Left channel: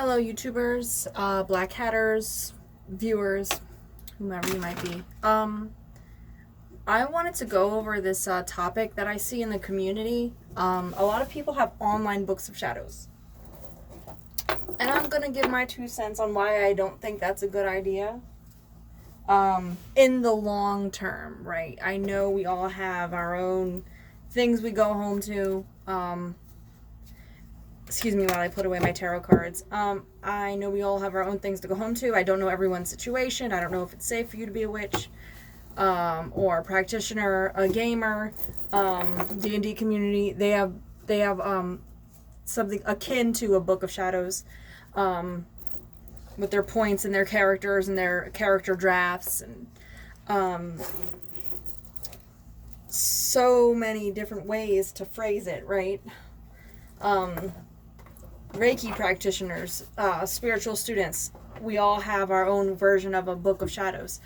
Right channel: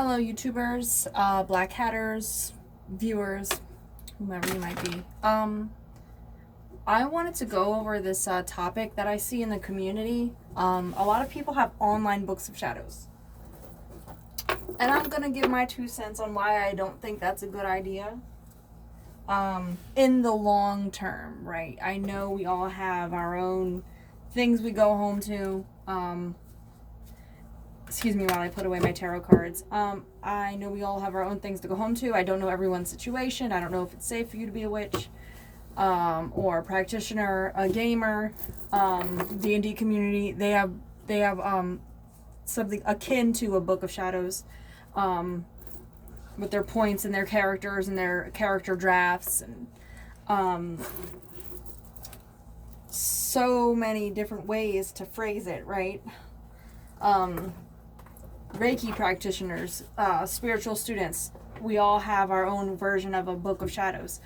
Hello YouTubers, Black Hatters, viewers, whomever you might be. I wanted to go over this topic that I see in the community. A lot of people have online books of shadows. And I'm going to give my 2 cents on why I don't think that's a good idea. In the long term, right? I know we all have our own things we go home to. Excuse me while I put away my tarot cards. I know we all have our own things to go home to. I don't know everyone's situation. I don't know if it's safe for you to be a witch, or a practitioner, a gamer. D&D community, they have something akin to a Book of Shadows, with their points and their characters and their character drafts and so many different ways to phrase it, right? Reiki practitioners, spiritual students, we all have our own version of a Book of Shadows.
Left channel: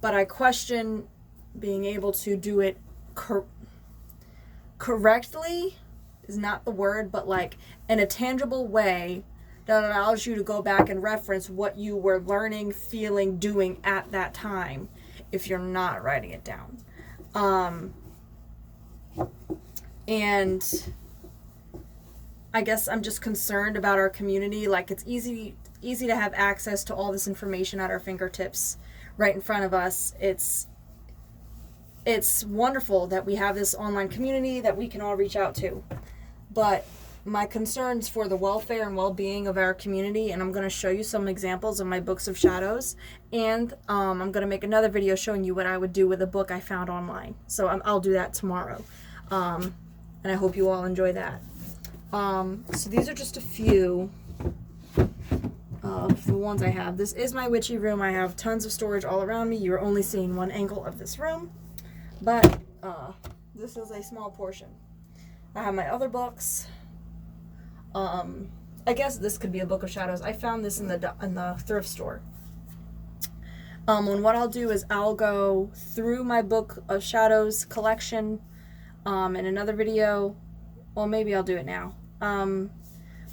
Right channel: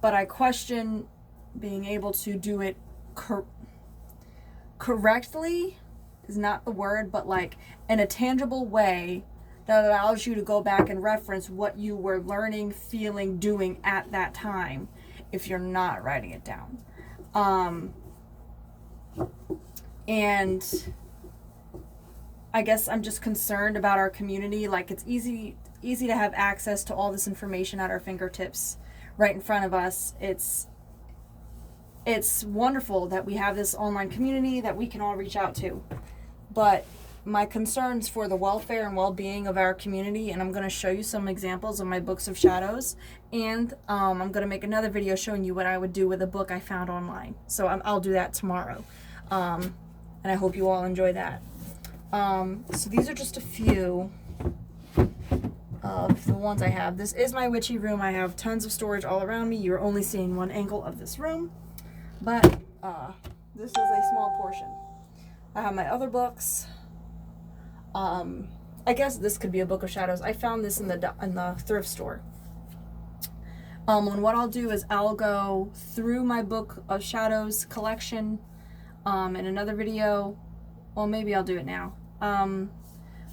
But I question being able to do it correctly is not the word, but like in a tangible way that allows you to go back and reference what you were learning, feeling, doing at that time if you're not writing it down. And I guess I'm just concerned about our community. Like, it's easy to have access to all this information at our fingertips right in front of us. It's wonderful that we have this online community that we can all reach out to. But my concerns for the welfare and well-being of our community, and I'm going to show you some examples of my books of shadows, and I'm going to make another video showing you what I would do with a book I found online. So I'll do that tomorrow. And I hope you all enjoy that. So these are just a few of the ones I have. This is my witchy room. I have tons of storage all around me. You're only seeing one angle of this room, but this is a small portion. I have my other books. I guess this could be a Book of Shadows. I found this in the thrift store. And what I'll do is I'll go through my Book of Shadows collection in another video. Well, maybe I'll do it now.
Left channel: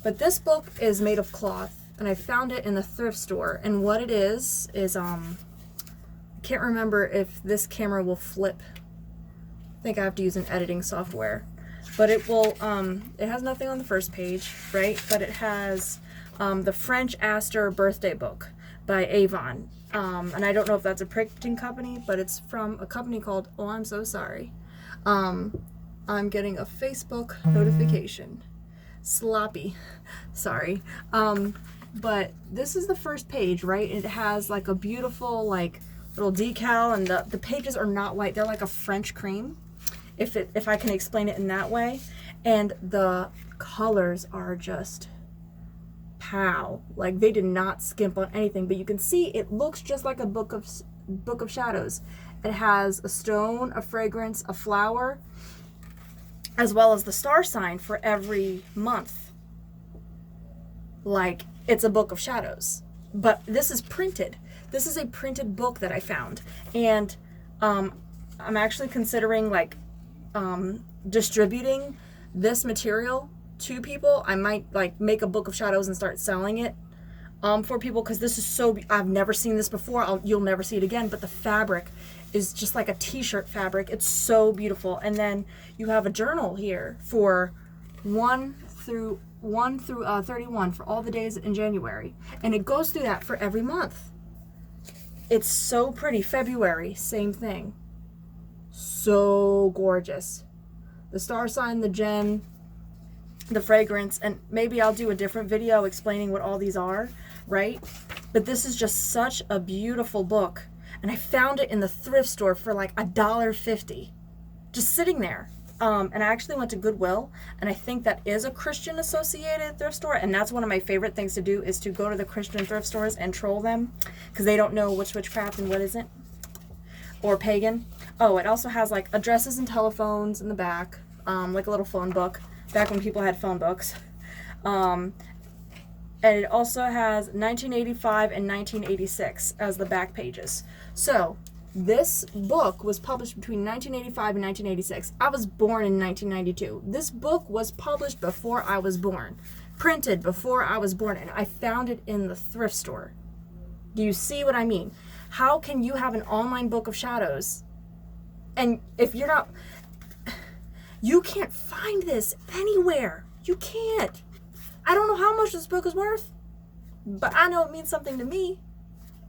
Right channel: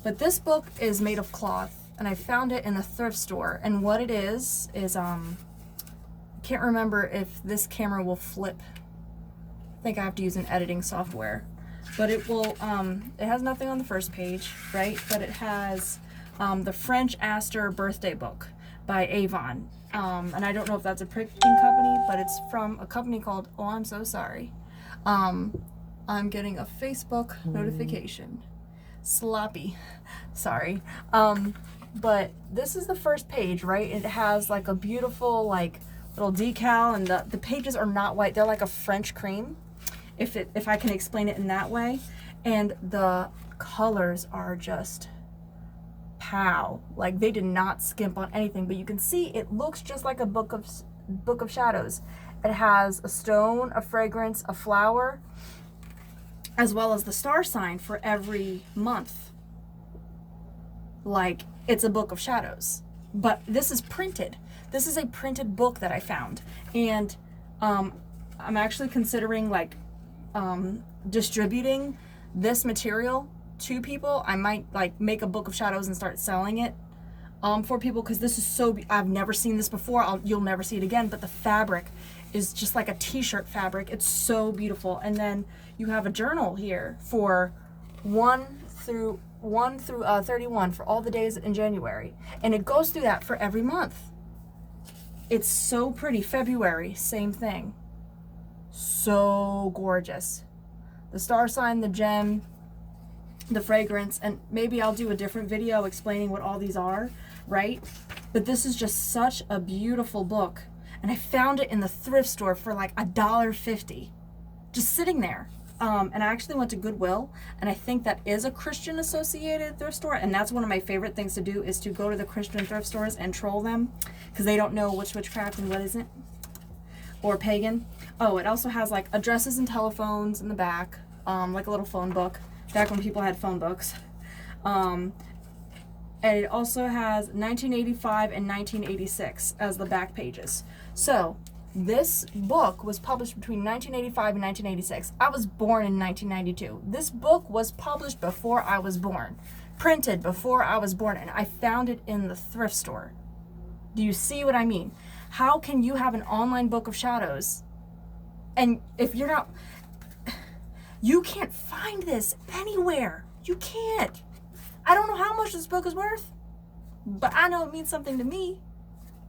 But this book is made of cloth, and I found it in the thrift store. And what it is I can't remember if this camera will flip. I think I have to use an editing software. But it will, it has nothing on the first page, right? But it has the French Aster birthday book by Avon. And I don't know if that's a printing company, but it's from a company called, oh, I'm so sorry. I'm getting a Facebook notification. Sloppy. Sorry. But this is the first page, right? It has like a beautiful like little decal, and the pages are not white. They're like a French cream, if I can explain it in that way. And the colors are just pow. Like, they did not skimp on anything, but you can see it looks just like a Book of Shadows. It has a stone, a fragrance, a flower, as well as the star sign for every month. Like, it's a Book of Shadows. But this is printed. This is a printed book that I found. And I'm actually considering like distributing this material to people. I might like make a Book of Shadows and start selling it for people, because this is so I've never seen this before. You'll never see it again. But the fabric is just like a t-shirt fabric. It's so beautiful. And then you have a journal here for 1 through 31 for all the days in January, and it goes through that for every month. It's so pretty. February, same thing. So gorgeous. The star sign, the gem, the fragrance, and maybe I'll do a different video explaining what all these are, right? But this is just such a beautiful book. And I found it in the thrift store for like $1.50, just sitting there. And I actually went to Goodwill, and I think that is a Christian associated thrift store. And that's one of my favorite things to do, is to go to the Christian thrift stores and troll them, because they don't know what's witchcraft and what isn't, or pagan. Oh, it also has like addresses and telephones in the back, like a little phone book, back when people had phone books. And it also has 1985 and 1986 as the back pages. So this book was published between 1985 and 1986. I was born in 1992. This book was published before I was born. printed before I was born, and I found it in the thrift store. Do you see what I mean? How can you have an online Book of Shadows, and if you're not, you can't find this anywhere. You can't. I don't know how much this book is worth, but I know it means something to me,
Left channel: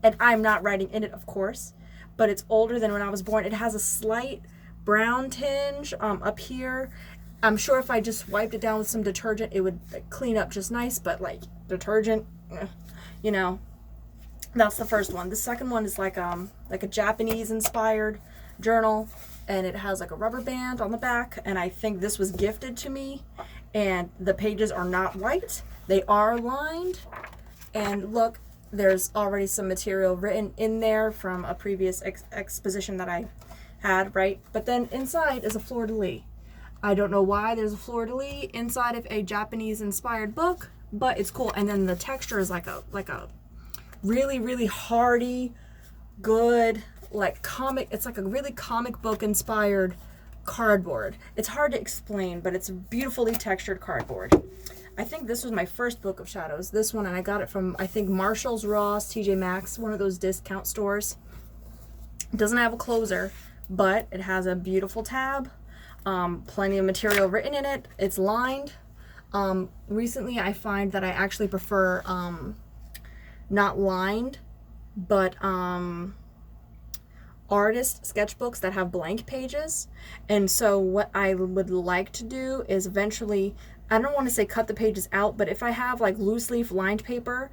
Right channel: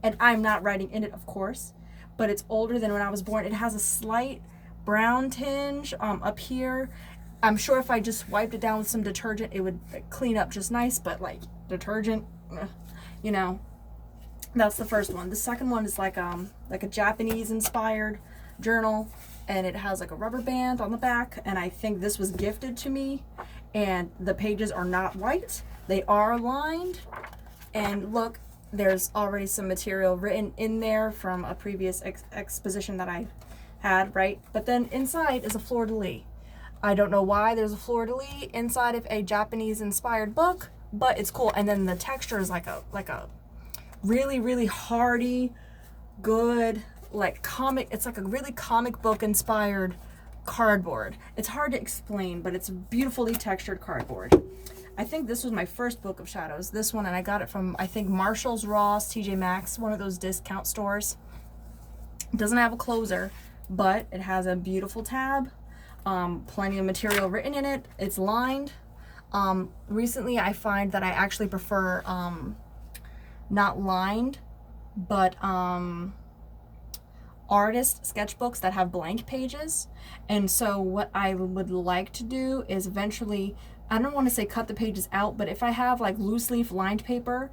and I'm not writing in it, of course, but it's older than when I was born. It has a slight brown tinge up here. I'm sure if I just wiped it down with some detergent, it would clean up just nice, but like detergent, you know, that's the first one. The second one is like a Japanese inspired journal, and it has like a rubber band on the back, and I think this was gifted to me, and the pages are not white. They are lined, and look, there's already some material written in there from a previous exposition that I had, right? But then inside is a fleur-de-lis. I don't know why there's a fleur-de-lis inside of a Japanese inspired book, but it's cool. And then the texture is like a really, really hardy, good, like comic. It's like a really comic book inspired cardboard. It's hard to explain, but it's beautifully textured cardboard. I think this was my first Book of Shadows, this one, and I got it from, I think, Marshall's, Ross, TJ Maxx, one of those discount stores. It doesn't have a closer, but it has a beautiful tab. Plenty of material written in it. It's lined. Recently I find that I actually prefer not lined, but artist sketchbooks that have blank pages. And so what I would like to do is eventually, I don't want to say cut the pages out, but if I have like loose leaf lined paper,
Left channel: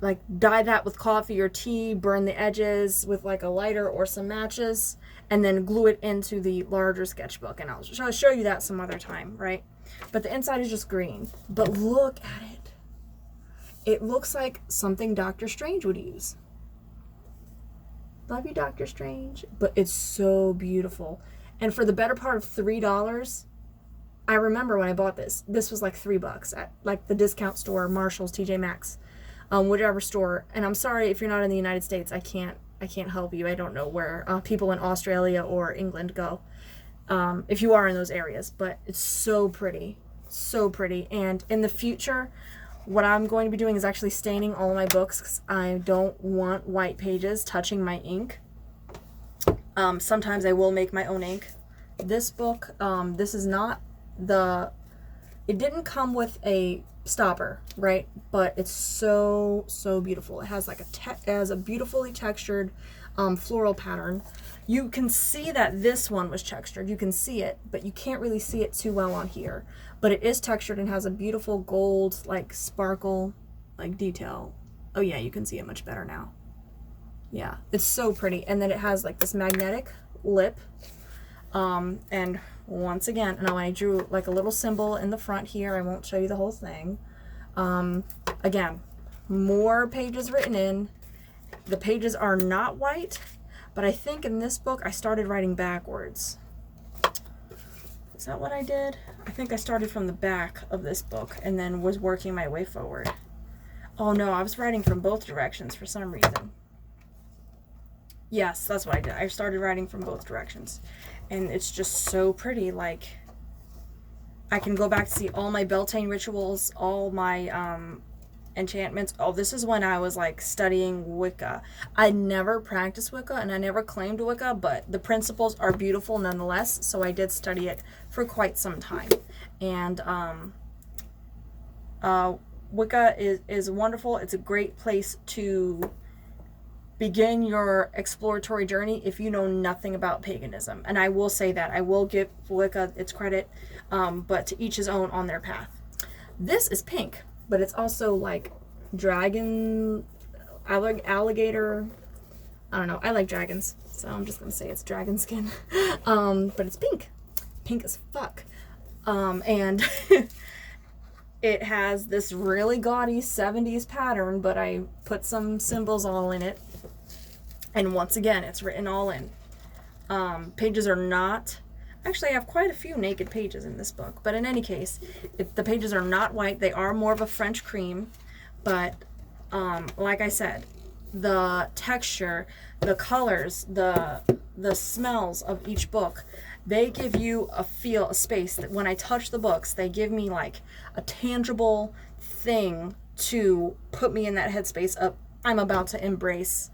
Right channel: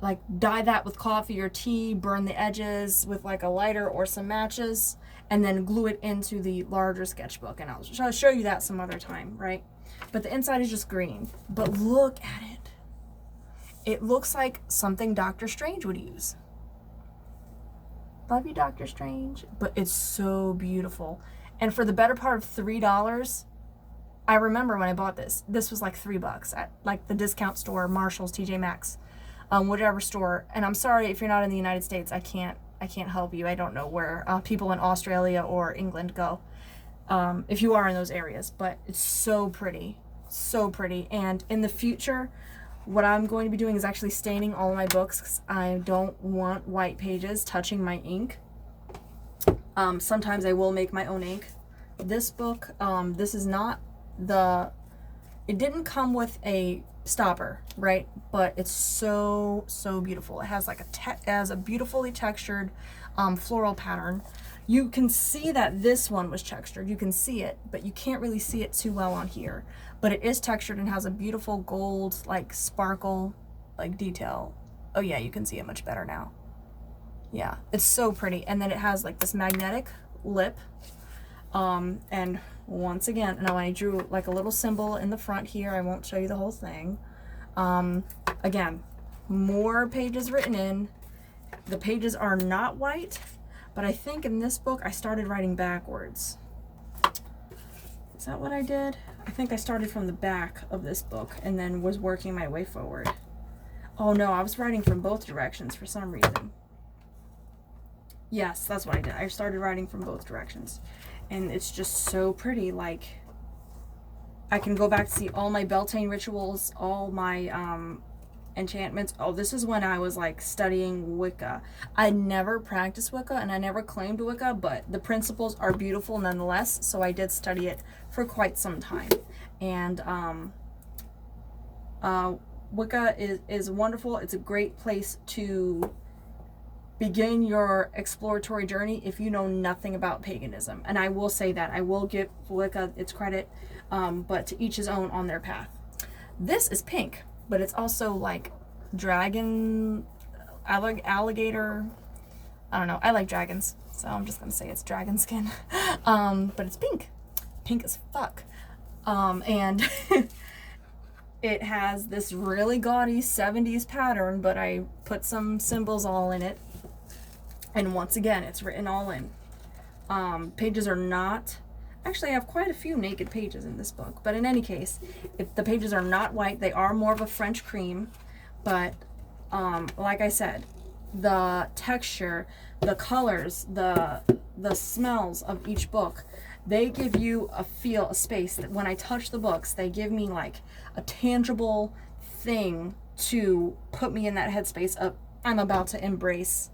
like dye that with coffee or tea, burn the edges with like a lighter or some matches, and then glue it into the larger sketchbook. And I'll show you that some other time, right? But the inside is just green. But look at it. It looks like something Doctor Strange would use. Love you, Doctor Strange. But it's so beautiful. And for the better part of $3, I remember when I bought this was like $3 at like the discount store, Marshall's, TJ Maxx, whatever store. And I'm sorry if you're not in the United States, I can't help you. I don't know where people in Australia or England go, if you are in those areas, but it's so pretty, so pretty. And in the future, what I'm going to be doing is actually staining all of my books, because I don't want white pages touching my ink. Sometimes I will make my own ink. This book, this is not it didn't come with a stopper, right? But it's so beautiful. It has like a beautifully textured floral pattern. You can see that this one was textured. You can see it, but you can't really see it too well on here. But it is textured and has a beautiful gold, like sparkle, like detail. Oh yeah, you can see it much better now. Yeah, it's so pretty. And then it has like this magnetic lip. And once again, and I drew like a little symbol in the front here. I won't show you the whole thing. Again, more pages written in. The pages are not white, but I think in this book I started writing backwards. Is that what I did? I think I started from the back of this book and then was working my way forward. Oh no, I was writing from both directions for some reason. Yes, that's what I did. I started writing from both directions. And it's just so pretty. Like, I can go back to see all my Beltane rituals, all my enchantments. Oh, this is when I was like studying Wicca. I never practiced Wicca and I never claimed Wicca, but the principles are beautiful nonetheless. So I did study it for quite some time. And Wicca is wonderful. It's a great place to begin your exploratory journey if you know nothing about paganism. And I will say that. I will give Wicca its credit, but to each his own on their path. This is pink, but it's also like dragon, alligator. I don't know. I like dragons, so I'm just going to say it's dragon skin. But it's pink. Pink as fuck. And it has this really gaudy 70s pattern, but I put some symbols all in it. And once again, it's written all in. Pages are not, actually I have quite a few naked pages in this book, but in any case, if the pages are not white, they are more of a French cream, but like I said, the texture, the colors, the smells of each book, They give you a feel, a space that when I touch the books, they give me like a tangible thing to put me in that headspace of I'm about to embrace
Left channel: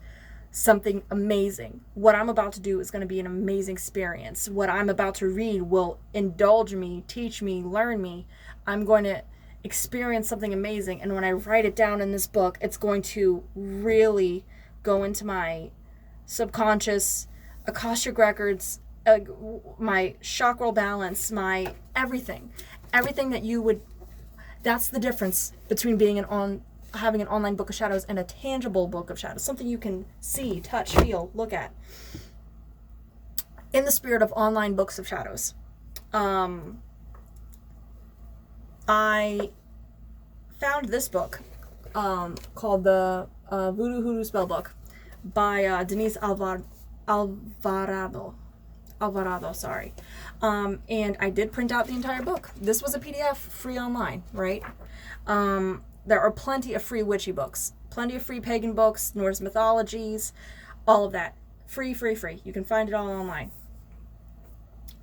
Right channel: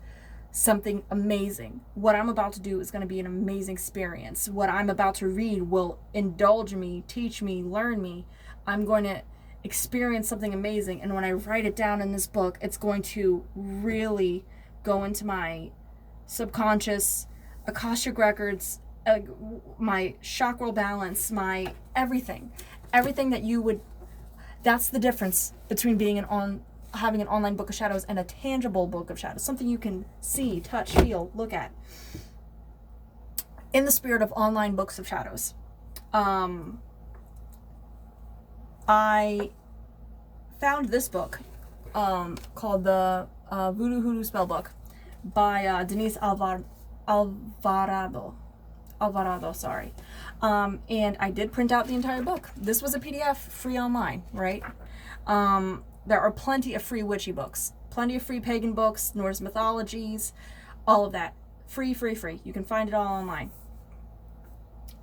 something amazing. What I'm about to do is going to be an amazing experience. What I'm about to read will indulge me, teach me, learn me. I'm going to experience something amazing. And when I write it down in this book, it's going to really go into my subconscious, Akashic records, my chakral balance, my everything. Everything that you would, that's the difference between being having an online book of shadows and a tangible book of shadows, something you can see, touch, feel, look at. In the spirit of online books of shadows, I found this book called the Voodoo Hoodoo Spellbook by Denise Alvarado, sorry. And I did print out the entire book. This was a PDF, free online, right? There are plenty of free witchy books, plenty of free pagan books, Norse mythologies, all of that. Free. You can find it all online.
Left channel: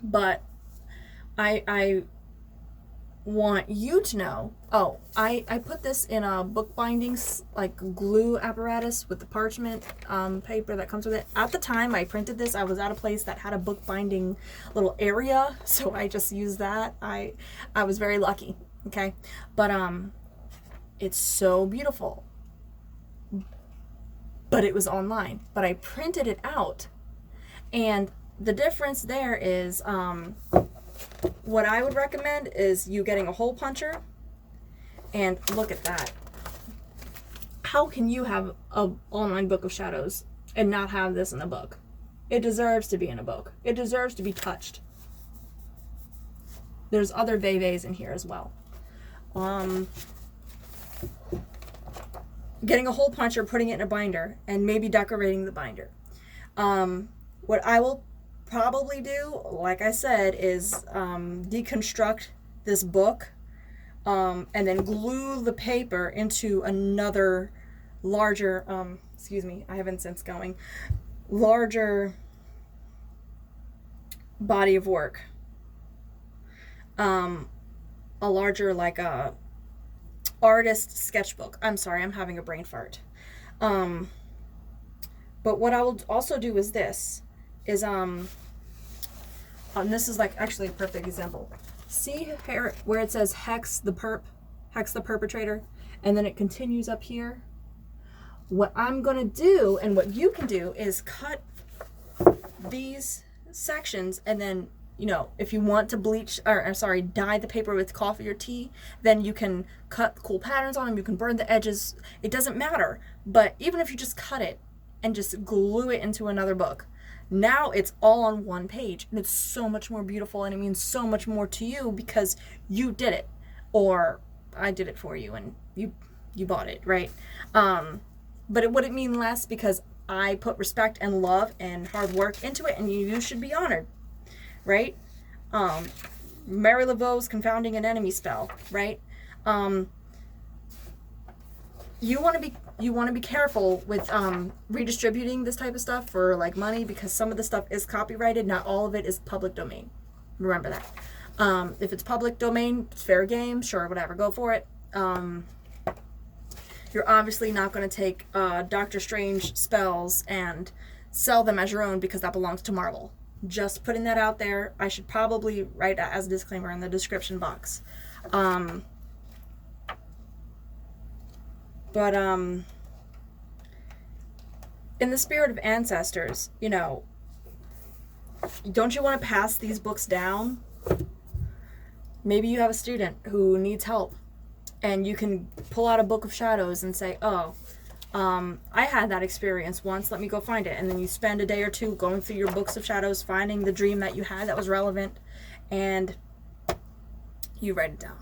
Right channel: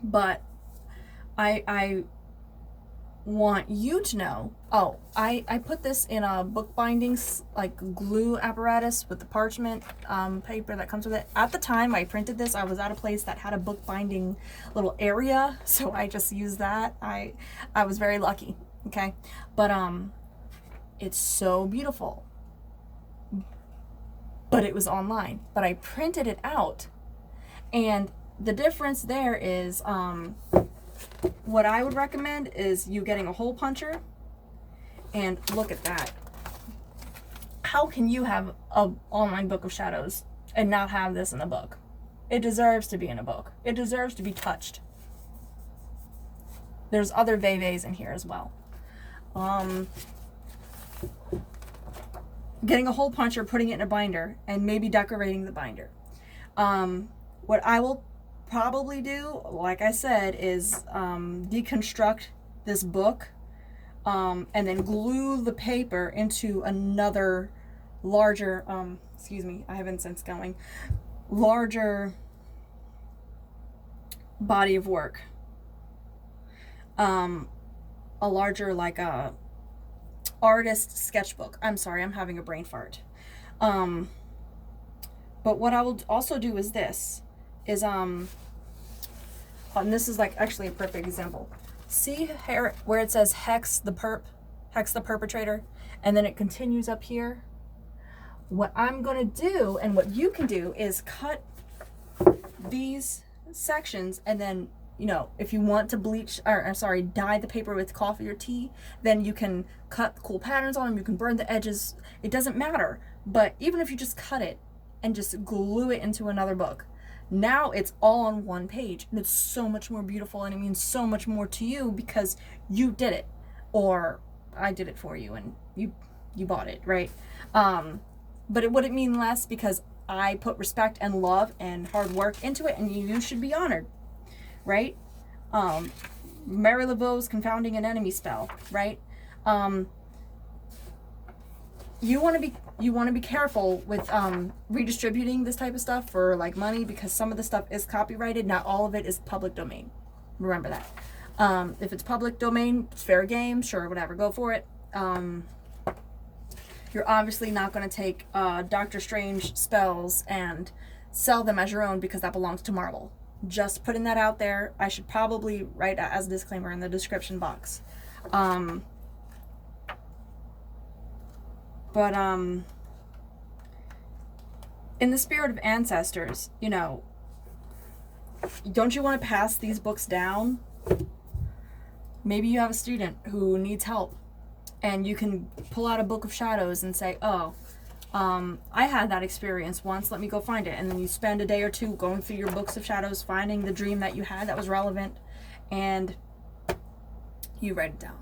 But I want you to know, I put this in a book bindings, like glue apparatus with the parchment paper that comes with it. At the time I printed this, I was at a place that had a book binding little area, so I just used that. I was very lucky, okay? But it's so beautiful. But it was online. But I printed it out. And the difference there is, what I would recommend is you getting a hole puncher. And look at that. How can you have an online book of shadows and not have this in a book? It deserves to be in a book. It deserves to be touched. There's other Veves in here as well. Getting a hole puncher, putting it in a binder, and maybe decorating the binder. What I will probably do, like I said, is deconstruct this book and then glue the paper into another larger, excuse me, I have incense going, larger body of work. A larger, like a artist sketchbook. I'm sorry, I'm having a brain fart. But what I will also do is this, is and this is like actually a perfect example. See here where it says hex the perpetrator, and then it continues up here? What I'm gonna do, and what you can do, is cut these sections, and then, you know, if you want to bleach, or sorry, dye the paper with coffee or tea, then you can cut cool patterns on them, you can burn the edges, it doesn't matter. But even if you just cut it and just glue it into another book, now it's all on one page, and it's so much more beautiful, and it means so much more to you because you did it, or I did it for you, and you bought it, right? But it wouldn't mean less because I put respect and love and hard work into it, and you should be honored, right? Mary Laveau's Confounding an Enemy spell, right? You want to be careful with redistributing this type of stuff for like money, because some of the stuff is copyrighted, not all of it is public domain. Remember that. If it's public domain, it's fair game, sure, whatever, go for it. You're obviously not going to take Doctor Strange spells and sell them as your own, because that belongs to Marvel. Just putting that out there. I should probably write that as a disclaimer in the description box. But in the spirit of ancestors, you know, don't you want to pass these books down? Maybe you have a student who needs help, and you can pull out a book of shadows and say, oh, I had that experience once, let me go find it. And then you spend a day or two going through your books of shadows, finding the dream that you had that was relevant, and you write it down.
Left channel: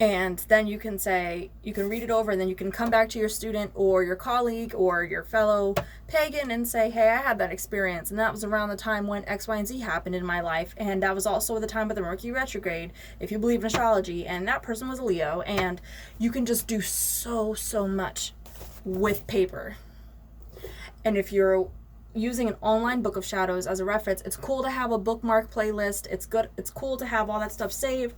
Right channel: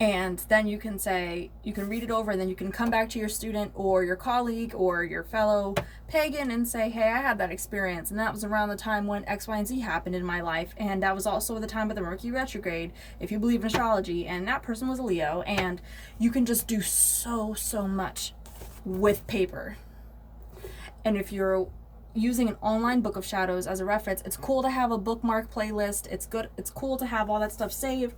And then you can say, you can read it over, and then you can come back to your student or your colleague or your fellow pagan and say, hey, I had that experience, and that was around the time when X, Y, and Z happened in my life, and that was also the time of the Mercury retrograde, if you believe in astrology, and that person was a Leo. And you can just do so much with paper. And if you're using an online Book of Shadows as a reference. It's cool to have a bookmark playlist. It's good. It's cool to have all that stuff saved,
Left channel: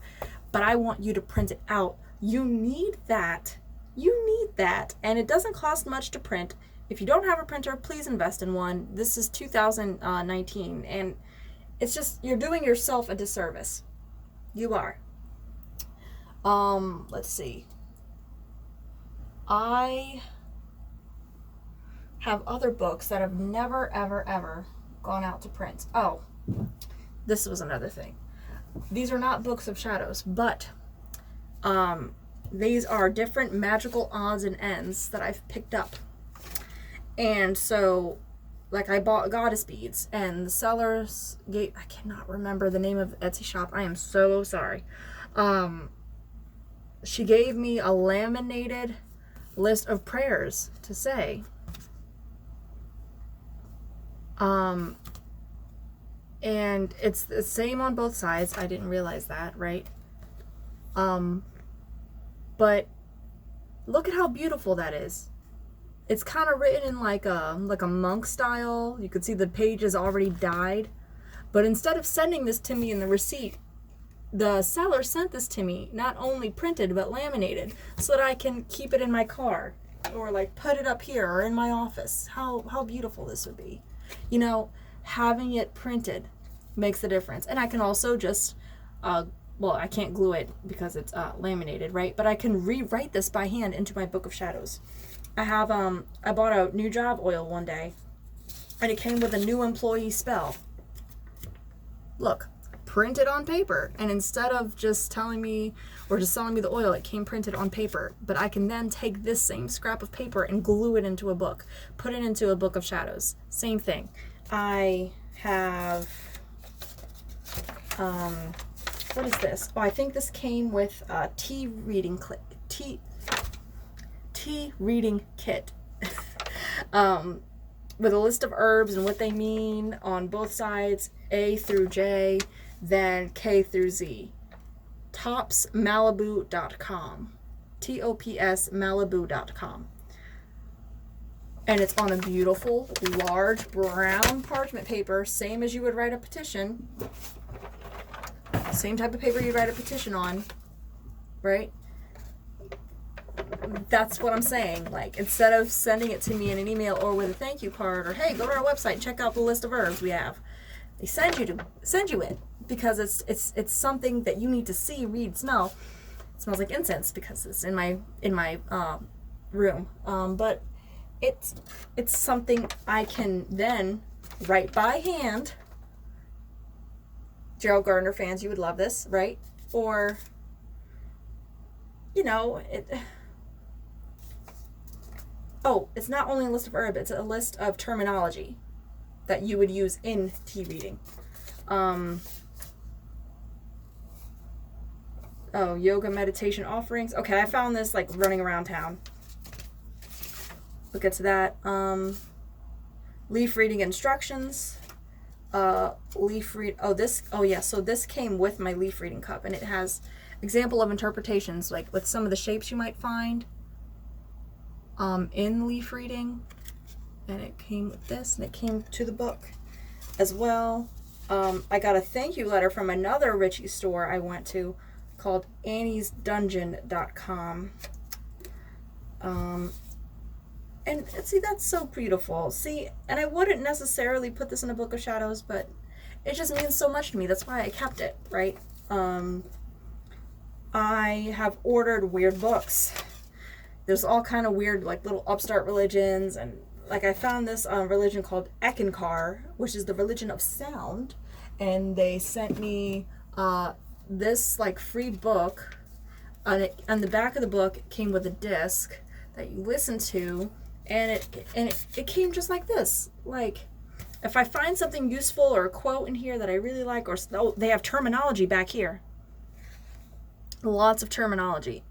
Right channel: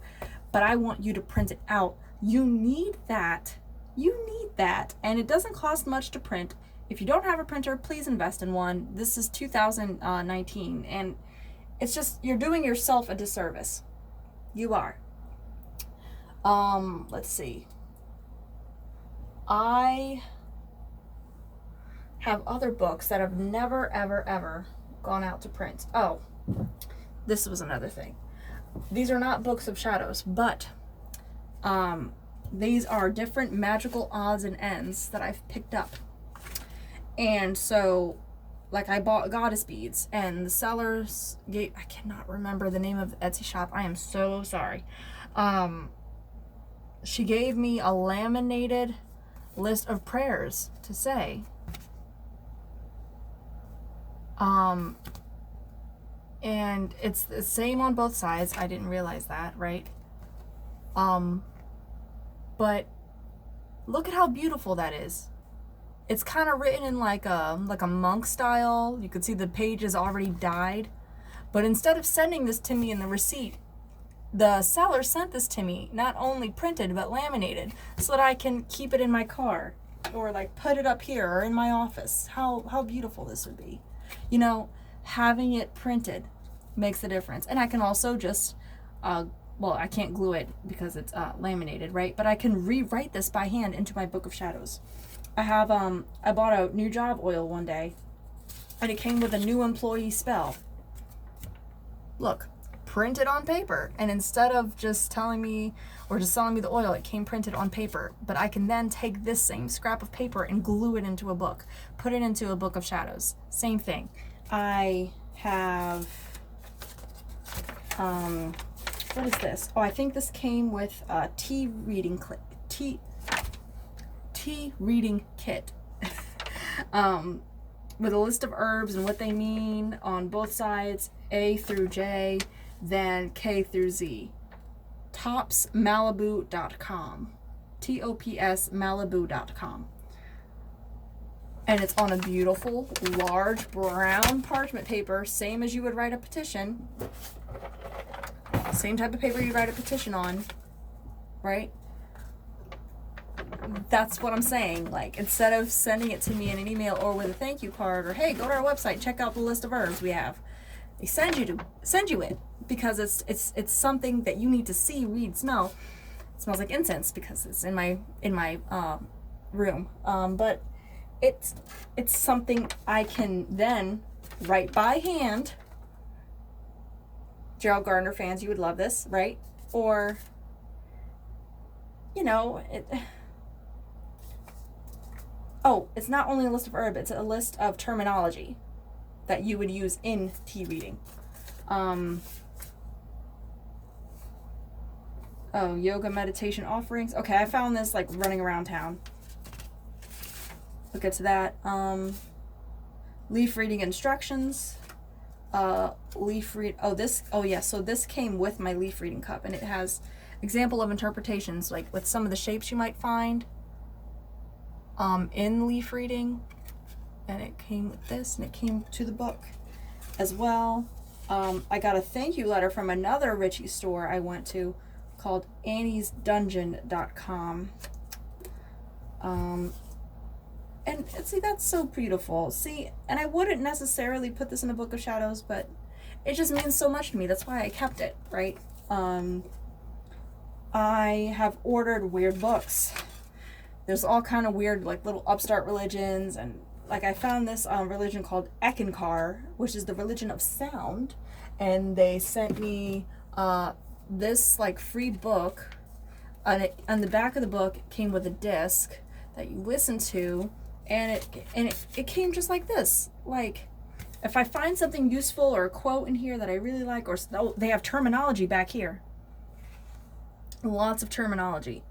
but I want you to print it out. You need that. You need that. And it doesn't cost much to print. If you don't have a printer, please invest in one. This is 2019, and it's just, you're doing yourself a disservice. You are. Let's see. I have other books that have never, ever, ever gone out to print. Oh, this was another thing. These are not Books of Shadows, but these are different magical odds and ends that I've picked up. And so, like, I bought Goddess beads, and the sellers gave, I cannot remember the name of the Etsy shop. I am so sorry. She gave me a laminated list of prayers to say. And it's the same on both sides. I didn't realize that, right? But look at how beautiful that is. It's kind of written in like a monk style. You could see the pages already dyed. But instead of sending this to me in the receipt, the seller sent this to me, not only printed, but laminated, so that I can keep it in my car or like put it up here or in my office. How beautiful this would be. You know, having it printed makes the difference. And I can also just, well, I can't glue it because it's laminated, right? But I can rewrite this by hand into my Book of Shadows. I have, I bought a new job oil one day, and it came with a new employee spell. Look, printed on paper. And instead of just telling me, or just selling me the oil, it came printed on paper. But I can then take this same scrap of paper and glue it into a book, put it into a Book of Shadows. Same thing. I have, what is this? Oh, I think this came with a tea reading kit. With a list of herbs and what they mean on both sides, A through J, then K through Z. Topsmalibu.com. TOPSmalibu.com. And it's on a beautiful, large, brown parchment paper, same as you would write a petition. Same type of paper you write a petition on, right? That's what I'm saying. Like, instead of sending it to me in an email or with a thank you card, or hey, go to our website, check out the list of herbs we have, they send you it because it's something that you need to see, read, smell. It smells like incense because it's in my room. But it's something I can then write by hand. Gerald Gardner fans, you would love this, right? Or, you know, it's not only a list of herb, it's a list of terminology that you would use in tea reading. Yoga meditation offerings. Okay, I found this like running around town. We'll get to that. Leaf reading instructions. So this came with my leaf reading cup, and it has example of interpretations, like with some of the shapes you might find in leaf reading. And it came with this, and it came to the book as well. I got a thank you letter from another Richie store I went to called anniesdungeon.com. And see, that's so beautiful. See, and I wouldn't necessarily put this in a Book of Shadows, but it just means so much to me. That's why I kept it, right? I have ordered weird books. There's all kind of weird, like, little upstart religions, and like I found this religion called Ekankar, which is the religion of sound, and they sent me this like free book. On the back of the book, it came with a disc that you listen to, and it came just like this. Like, if I find something useful or a quote in here that I really like, or they have terminology back here. Lots of terminology.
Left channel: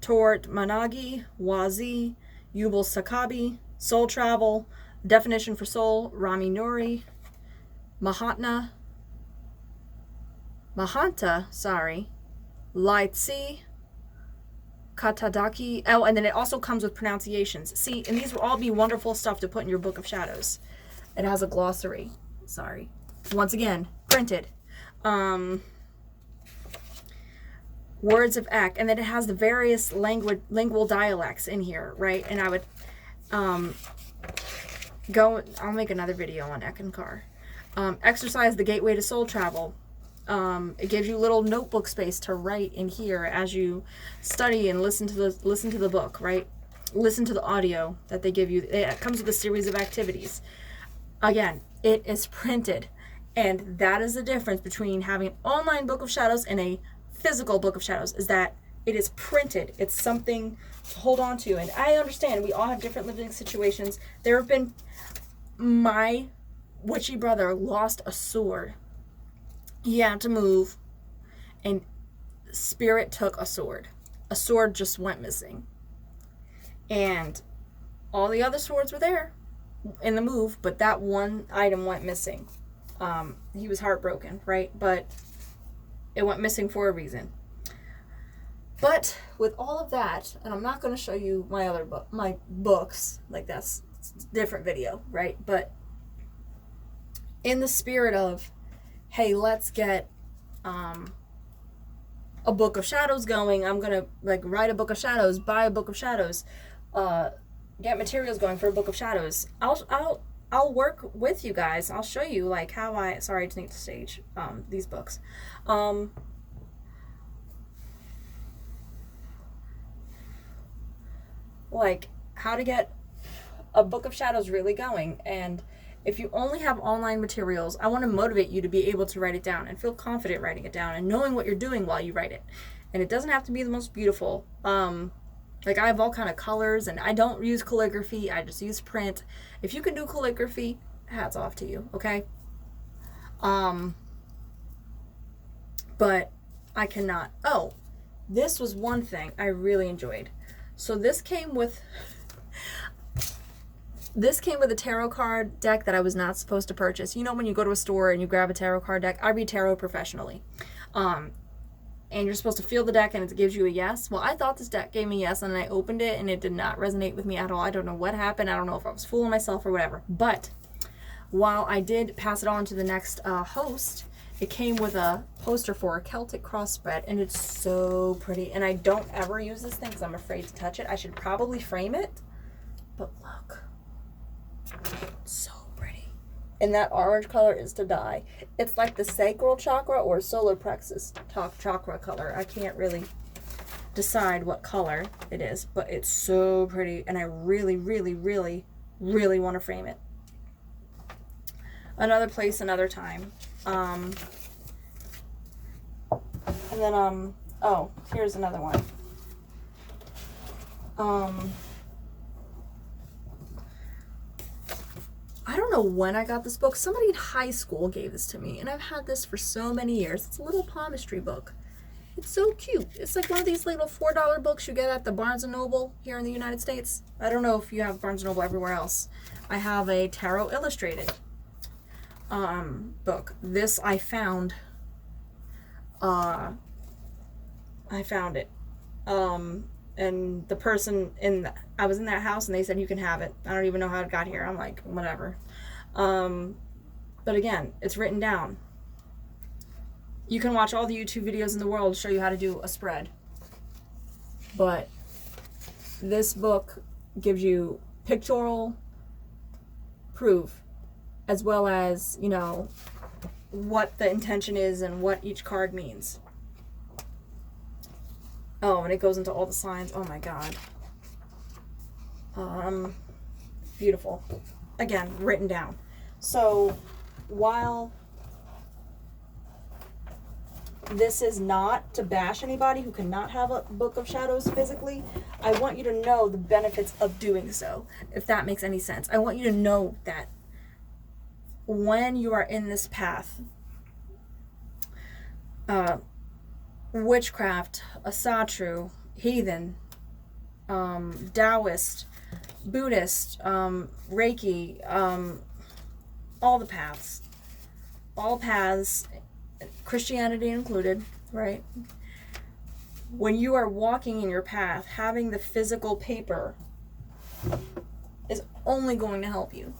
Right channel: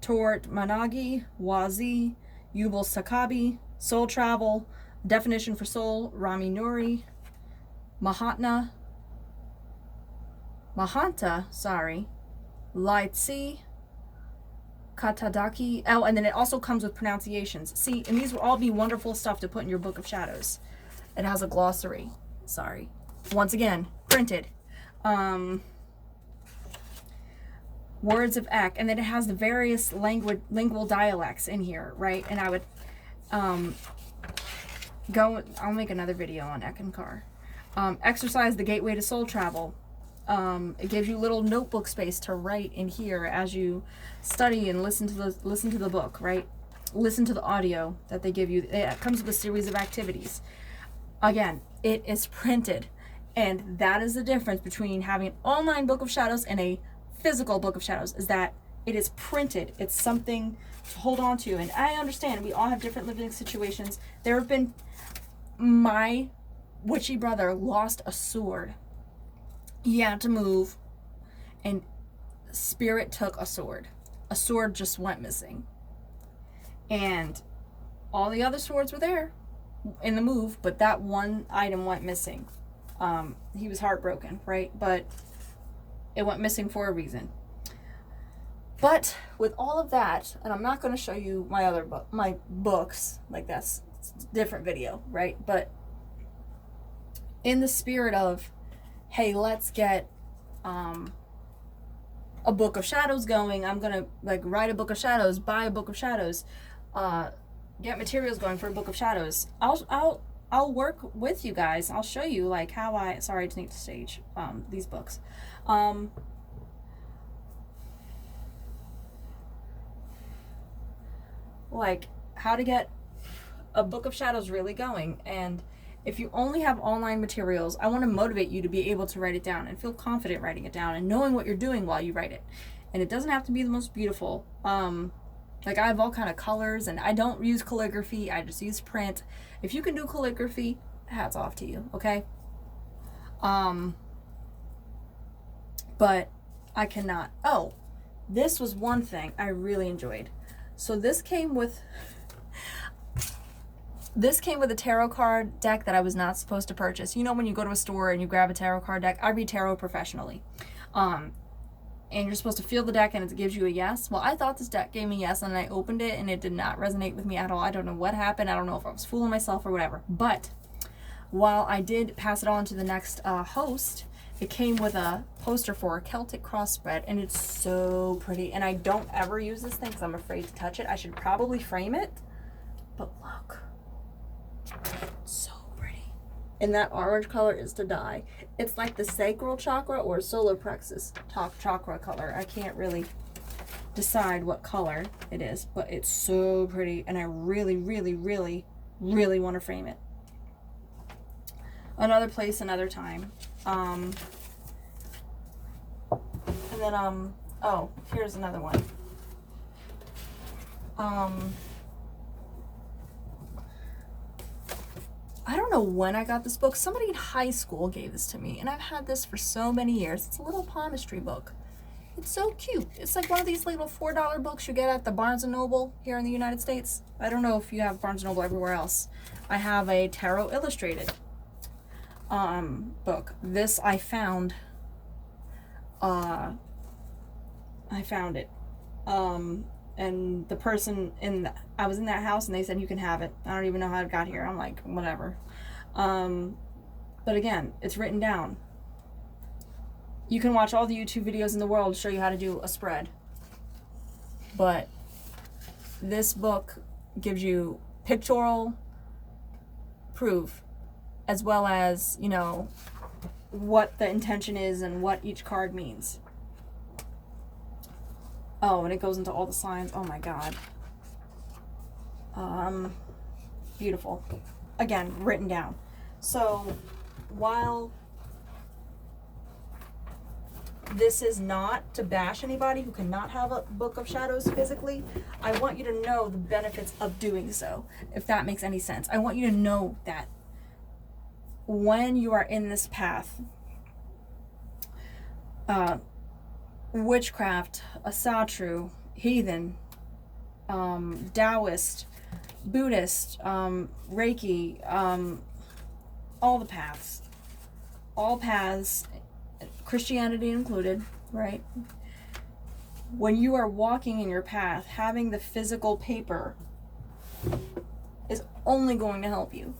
Tort Managi, Wazi, Yubal Sakabi, Soul Travel, definition for soul, Rami Nuri, Mahanta, Laitsi, Katadaki. Oh, and then it also comes with pronunciations. See, and these will all be wonderful stuff to put in your Book of Shadows. It has a glossary. Sorry. Once again, printed. Words of Ek, and then it has the various lingual dialects in here, right? And I would I'll make another video on Ekankar. Exercise the gateway to soul travel. It gives you little notebook space to write in here as you study and listen to the book, right? Listen to the audio that they give you. It comes with a series of activities. Again, it is printed, and that is the difference between having an online Book of Shadows and a physical Book of Shadows, is that it is printed. It's something to hold on to. And I understand we all have different living situations. There have been, my witchy brother lost a sword. He had to move, and spirit took a sword. A sword just went missing. And all the other swords were there in the move, but that one item went missing. He was heartbroken, right? But it went missing for a reason. But with all of that, and I'm not going to show you my books, like that's a different video, right? But in the spirit of, hey, let's get a Book of Shadows going. I'm gonna like write a Book of Shadows, buy a Book of Shadows, get materials going for a Book of Shadows. I'll work with you guys. I'll show you like how sorry to need to stage these books. Like how to get a Book of Shadows really going. And if you only have online materials, I want to motivate you to be able to write it down and feel confident writing it down and knowing what you're doing while you write it. And it doesn't have to be the most beautiful. Like I have all kind of colors, and I don't use calligraphy. I just use print. If you can do calligraphy, hats off to you, okay? But I cannot. Oh, this was one thing I really enjoyed. So this came with a tarot card deck that I was not supposed to purchase. You know when you go to a store and you grab a tarot card deck? I read tarot professionally. And you're supposed to feel the deck and it gives you a yes. Well, I thought this deck gave me a yes, and I opened it and it did not resonate with me at all. I don't know what happened. I don't know if I was fooling myself or whatever. But while I did pass it on to the next host, it came with a poster for a Celtic cross spread, and it's so pretty. And I don't ever use this thing because I'm afraid to touch it. I should probably frame it. But look. So pretty. And that orange color is to die. It's like the sacral chakra or solar plexus chakra color. I can't really decide what color it is, but it's so pretty, and I really, really, really, really want to frame it. Another place, another time. And then oh, here's another one. I don't know when I got this book. Somebody in high school gave this to me, and I've had this for so many years. It's a little palmistry book. It's so cute. It's like one of these little $4 books you get at the Barnes & Noble here in the United States. I don't know if you have Barnes & Noble everywhere else. I have a tarot illustrated book. This I found it. And the person I was in that house, and they said you can have it. I don't even know how it got here. I'm like, whatever. But again, it's written down. You can watch all the YouTube videos in the world to show you how to do a spread. But this book gives you pictorial proof, as well as, you know, what the intention is and what each card means. Oh, and it goes into all the signs. Oh my god. Beautiful. Again, written down. So, while this is not to bash anybody who cannot have a Book of Shadows physically, I want you to know the benefits of doing so, if that makes any sense. I want you to know that when you are in this path, witchcraft, asatru, heathen, Taoist, Buddhist, Reiki, all the paths, all paths, Christianity included, right? when you are walking in your path, having the physical paper is only going to help you.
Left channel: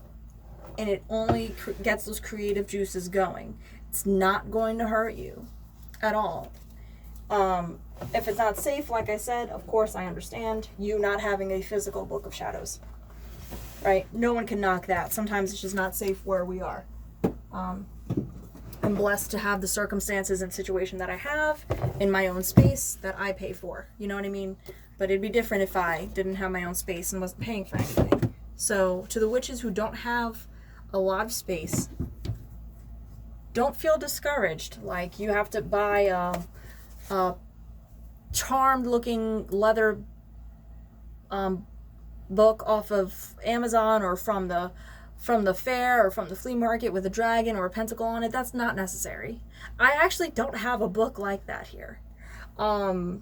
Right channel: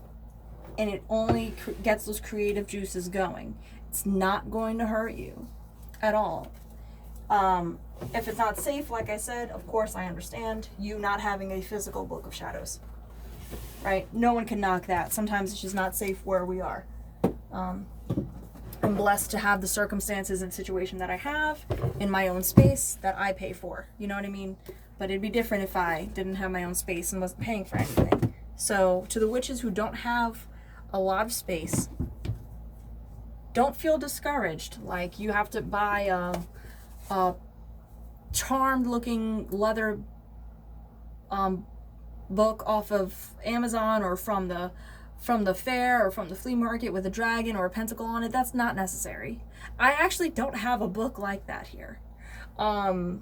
And it only gets those creative juices going. It's not going to hurt you at all. If it's not safe, like I said, of course I understand you not having a physical Book of Shadows. Right? No one can knock that. Sometimes it's just not safe where we are. I'm blessed to have the circumstances and situation that I have in my own space that I pay for. You know what I mean? But it'd be different if I didn't have my own space and wasn't paying for anything. So to the witches who don't have a lot of space, don't feel discouraged. Like you have to buy a charmed looking leather book off of Amazon or from the fair or from the flea market with a dragon or a pentacle on it. That's not necessary. I actually don't have a book like that here. The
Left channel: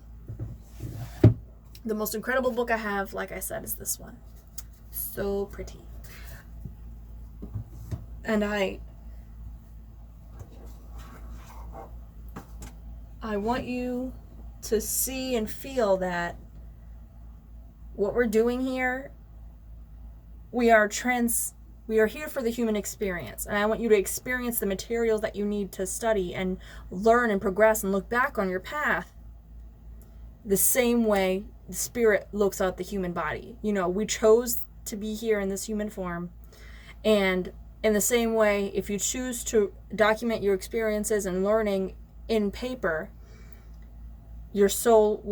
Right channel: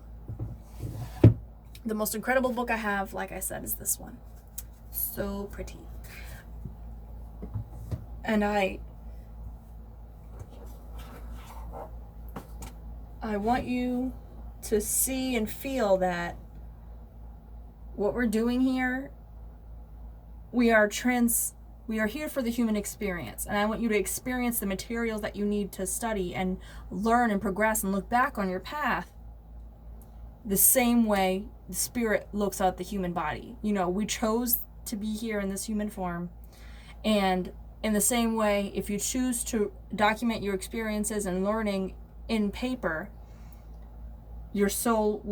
most incredible book I have, like I said, is this one. So pretty. And I want you to see and feel that what we're doing here, we are here for the human experience. And I want you to experience the materials that you need to study and learn and progress and look back on your path the same way the spirit looks at the human body. You know, we chose to be here in this human form. And in the same way, if you choose to document your experiences and learning in paper, your soul,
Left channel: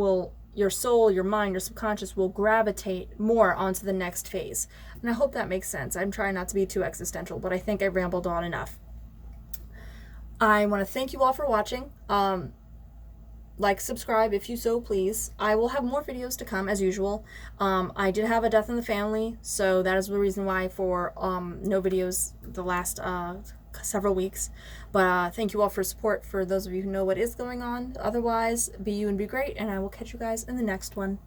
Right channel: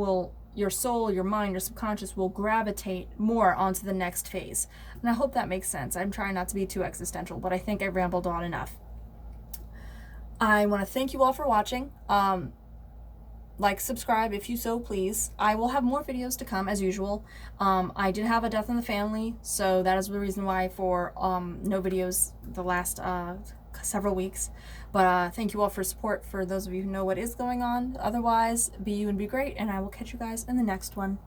your mind, your subconscious will gravitate more onto the next phase. And I hope that makes sense. I'm trying not to be too existential, but I think I rambled on enough. I want to thank you all for watching. Like, subscribe if you so please. I will have more videos to come as usual. I did have a death in the family, so that is the reason why for no videos the last several weeks. But thank you all for support, for those of you who know what is going on. Otherwise, be you and be great, and I will catch you guys in the next one.